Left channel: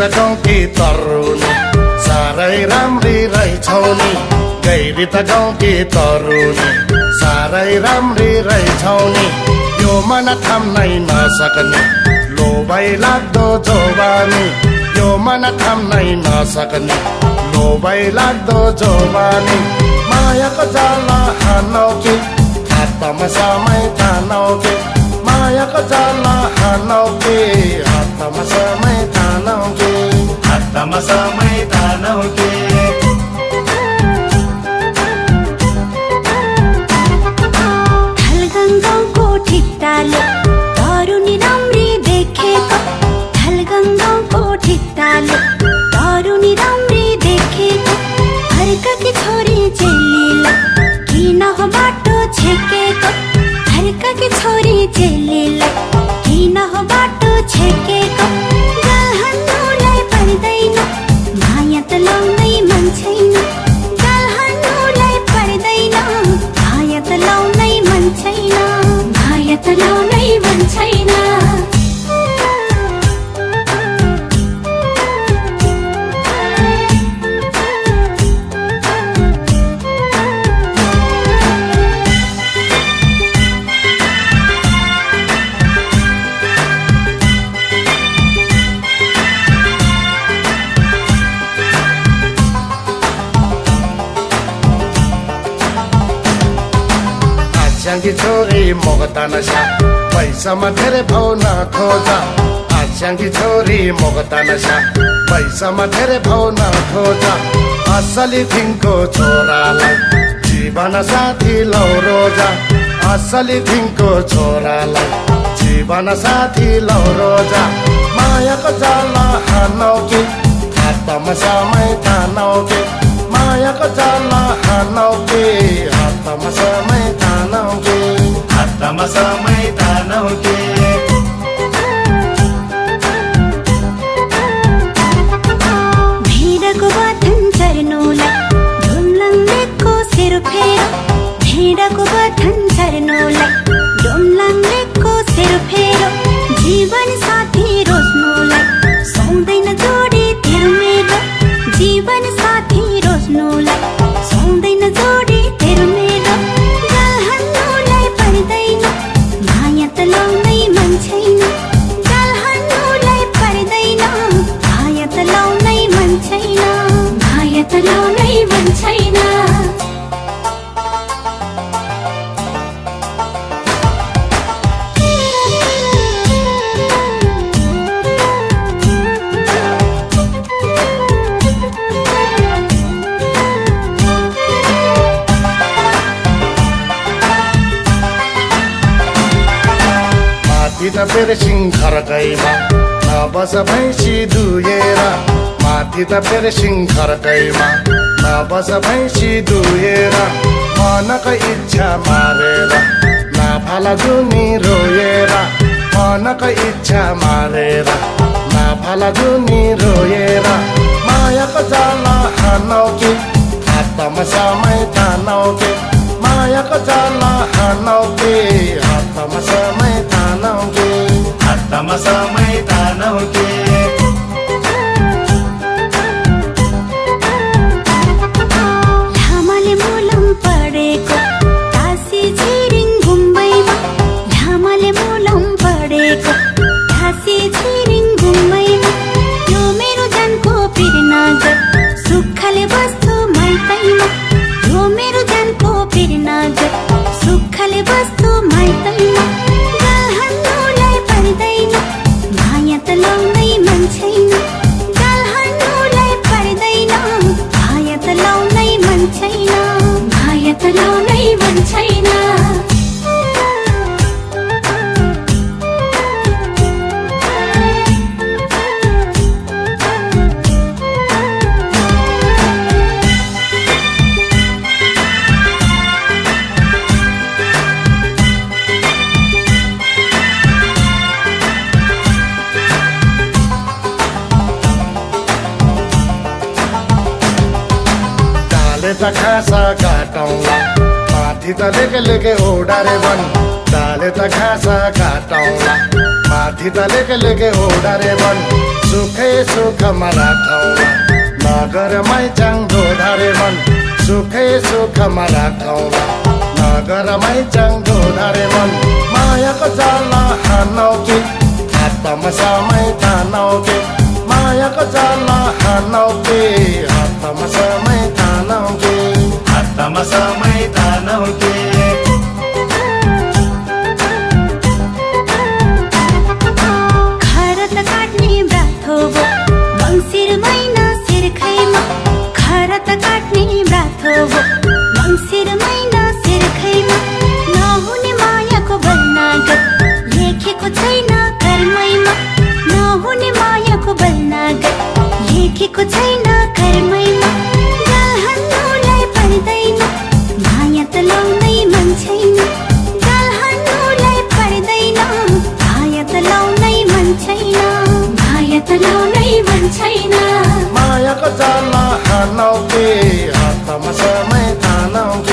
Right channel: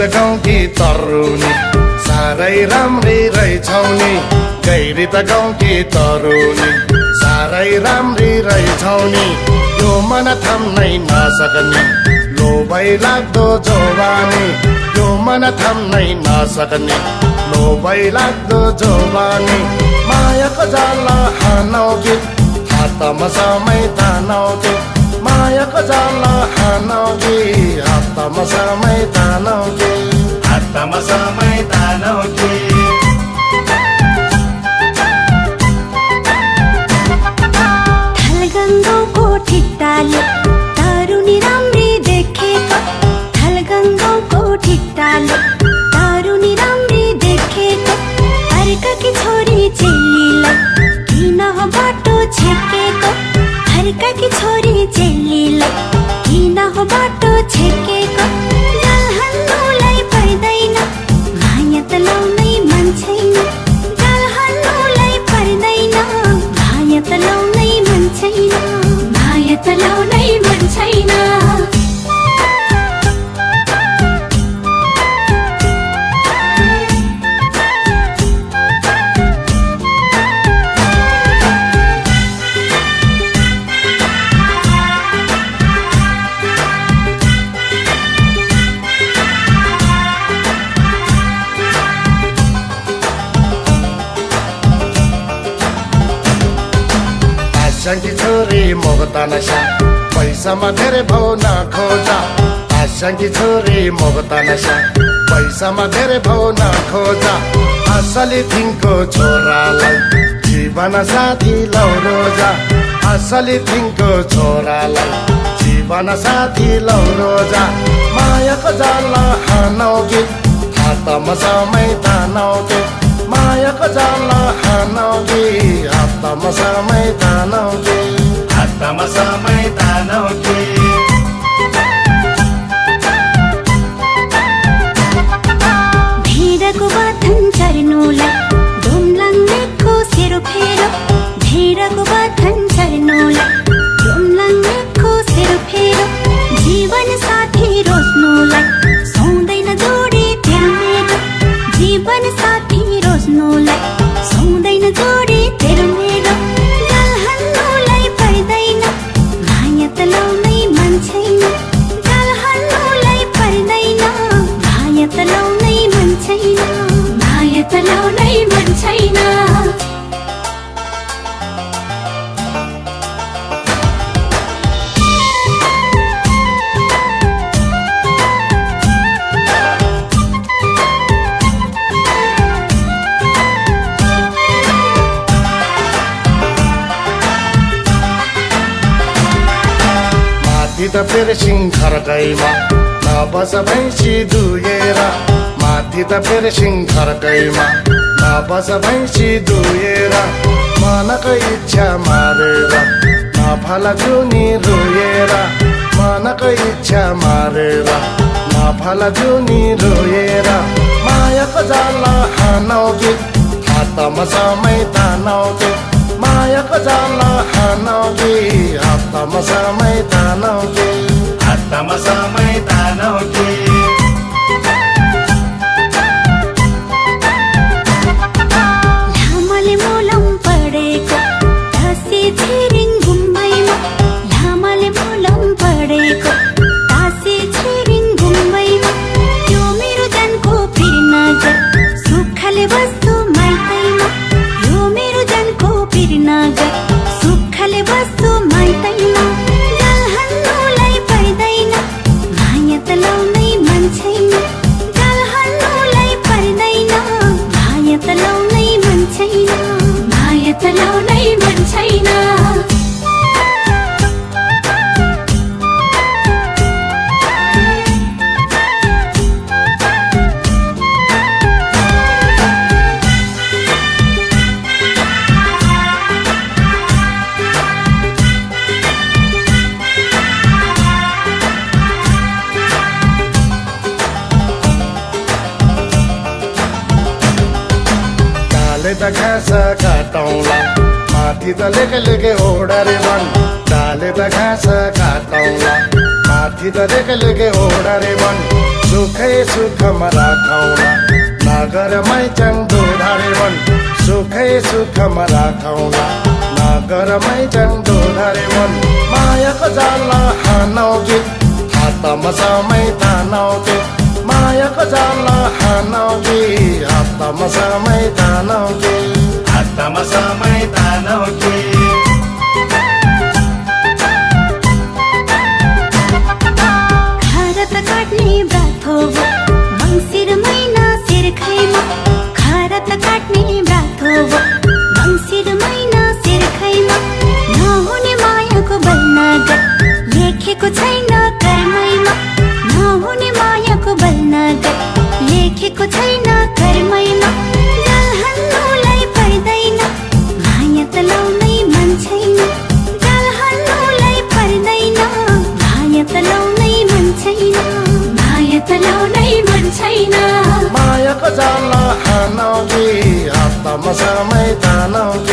त गाउँकी तरुनी साह्रै राम्री रहेछौ नि गैरी त गाउँकी तरुनी साह्रै राम्री रहेछौ नि यो मन थाम्नै नसक्ने लोभै लाग्दो जवानी यो मन थाम्नै नसक्ने लोभै लाग्दो जवानी मायाको जाला हानौ कि हातमा समय तानौ कि मायाको जाला हानौ कि हातमा समय तानौ कि हातमा समय तानौ कि थलगङ्गाको ठिट्टाले तरुनी राम्री देखेको थलगङ्गाको ठिट्टाले तरुनी राम्री देखेको अर्काकी छोरी चेलीलाई किन हो बाटो छेकेको अर्काकी छोरी चेलीलाई किन हो बाटो छेकेको गाल हान्नुलाई पर्दैन माया त लाउनै मन छैन गाल हान्नुलाई पर्दैन माया त लाउनै मन छैन माया त लाउनै मन छैन आशाकी छोरी मोगता नशा पैसामा धेरै पाउन खोजा आशाकी छोरी मोगता नशा पैसामा धेरै पाउन खोजा असली तिनको छोरालाई जीवन साथी लौ रोजा असली तिनको छोरालाई जीवन साथी लौ रोजा मायाको जाला हानौ कि हातमा समय तानौ कि मायाको जाला हानौ कि हातमा समय तानौ कि हातमा समय तानौ कि भेडाको बाथन चर्नुलाई डोम्लाङ्गेको सेरोफेरो भेडाको बाथन चर्नुलाई डोम्लाङ्गेको सेरोफेरो जीवन साथी रोज्नुलाई सुन्दैन जोडी तेरो मेरो जीवन साथी रोज्नुलाई सुन्दैन जोडी तेरो मेरो गाल हान्नुलाई पर्दैन माया त लाउनै मन छैन गाल हान्नुलाई पर्दैन माया त लाउनै मन छैन माया त लाउनै मन छैन माथि त फेरि सिंहर गैमा नबस भैँसी दुहेर माथि त फेरि सिंहर गैमा नबस भैँसी दुहेर मनको इच्छा मारेर नफाला जुनी रोएर मनको इच्छा मारेर नफाला जुनी रोएर मायाको जाला हानौ कि हातमा समय तानौ कि मायाको जाला हानौ कि हातमा समय तानौ कि हातमा समय तानौ कि लामाले मोलम पढेको तासी छिरिङ घुम्बैमा लामाले मोलम पढेको तासी छिरिङ घुम्बैमा यो मेरो जनको पिरनागर सुखले बस्छु माइतैमा यो मेरो जनको पिरनागर सुखले बस्छु माइतैमा गाल हान्नुलाई पर्दैन माया त लाउनै मन छैन गाल हान्नुलाई पर्दैन माया त लाउनै मन छैन माया त लाउनै मन छैन डाले त घाँस काटौँला माथि त लेके लेके ओडारे मन डाले त घाँस काटौँला माथि त लेके लेके ओडारे मन सुखै सुखमा राखौँला नगरमै चाङ्दो धरे मन सुखै सुखमा राखौँला नगरमै चाङ्दो धरे मन मायाको जाला हानौ के हातमा समय तानौ के मायाको जाला हानौ के हातमा समय तानौ के हातमा समय तानौ के खरत काट्ने व्रत हो मङ्सिर महिना सिर्खैमा खरत काट्ने व्रत हो मङ्सिर महिना सिर्खैमा नहुने मायाको बन्नागत लेखेको छैन कर्मैमा नहुने मायाको बन्नागत लेखेको छैन कर्मैमा हान्नुलाई पर्दैन माया त लाउनै मन छैन हान्नुलाई पर्दैन माया त लाउनै मन छैन माया त लाउनै मन छैन मायाको जाला हानौ के हातमा समय तानौ के